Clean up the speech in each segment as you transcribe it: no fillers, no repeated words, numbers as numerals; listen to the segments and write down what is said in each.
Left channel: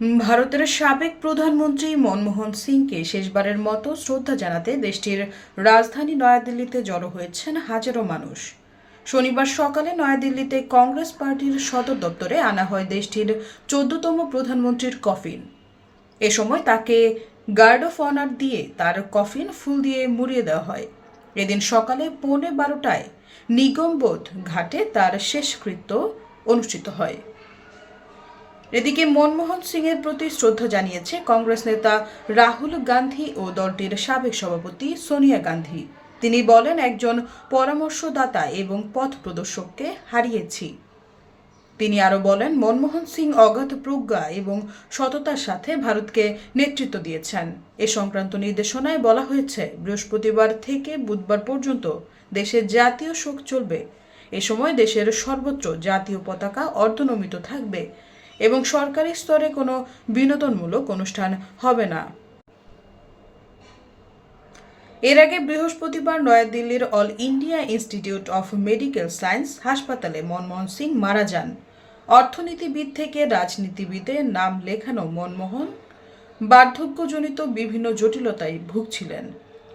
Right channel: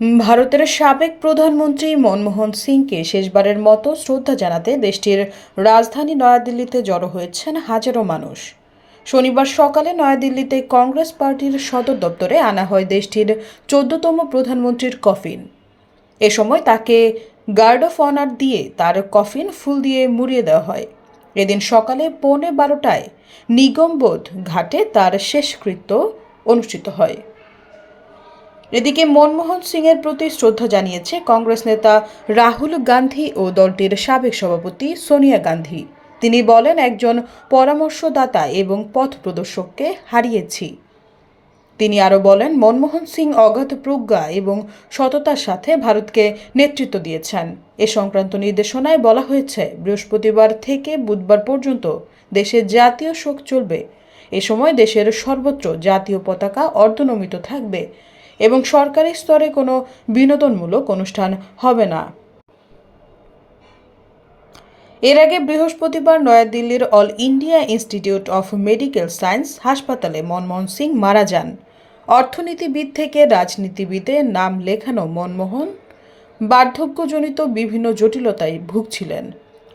ভারতের সাবেক প্রধানমন্ত্রী মনমোহন সিংকে শেষবারের মতো শ্রদ্ধা জানাতে দেশটির রাজধানী নয়াদিল্লিতে জড়ো হয়েছেন হাজারো মানুষ। শনিবার সকালে নয়াদিল্লিতে কংগ্রেস পার্টির সদর দপ্তরে আনা হয় দেশটির ১৪তম প্রধানমন্ত্রীর কফিন। এ সময় তাকে গার্ড অফ অনার দিয়ে তার কফিন ফুল দিয়ে মুড়িয়ে দেওয়া হয়। এদিন সকালে ১:১২টায় নিগমবোধ ঘাটে তার শেষকৃত্য অনুষ্ঠিত হয়। এদিকে মনমোহন সিংয়ের প্রতি শ্রদ্ধা জানিয়েছে কংগ্রেস নেতা রাহুল গান্ধী ও দলটির সাবেক সভাপতি সোনিয়া গান্ধী। তিনি বলেন, একজন পরামর্শদাতা এবং পথ প্রদর্শককে হারিয়েছি। তিনি আরও বলেন, মনমোহন সিং অগাধ প্রজ্ঞা এবং সততার সাথে ভারতকে নেতৃত্ব দিয়েছেন। এ সংক্রান্ত নির্দেশনায় বলা হয়েছে, বৃহস্পতিবার থেকে বুধবার পর্যন্ত দেশে জাতীয় শোক চলবে। এ সময় দেশের সর্বত্র জাতীয় পতাকা অর্ধনমিত থাকবে এবং সরকারি স্তরে কোনো বিনোদনমূলক অনুষ্ঠান হবে না। এর আগে বৃহস্পতিবার নয়াদিল্লির All India Institute of Medical Science হাসপাতালে মনমোহন সিং মারা যান। অর্থনীতিবিদ থেকে রাজনীতিবিদে নাম লেখানো মনমোহন বার্ধক্যজনিত বিভিন্ন জটিলতায় ভুগছিলেন।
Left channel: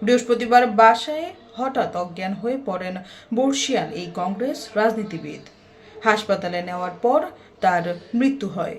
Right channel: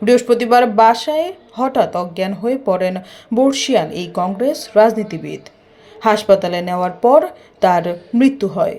বৃহস্পতিবার বাসায় হঠাৎ অজ্ঞান হয়ে পড়েন বর্ষীয়ান এই কংগ্রেস রাজনীতিবিদ। হাসপাতালে নেওয়ার পর তার মৃত্যু হয়।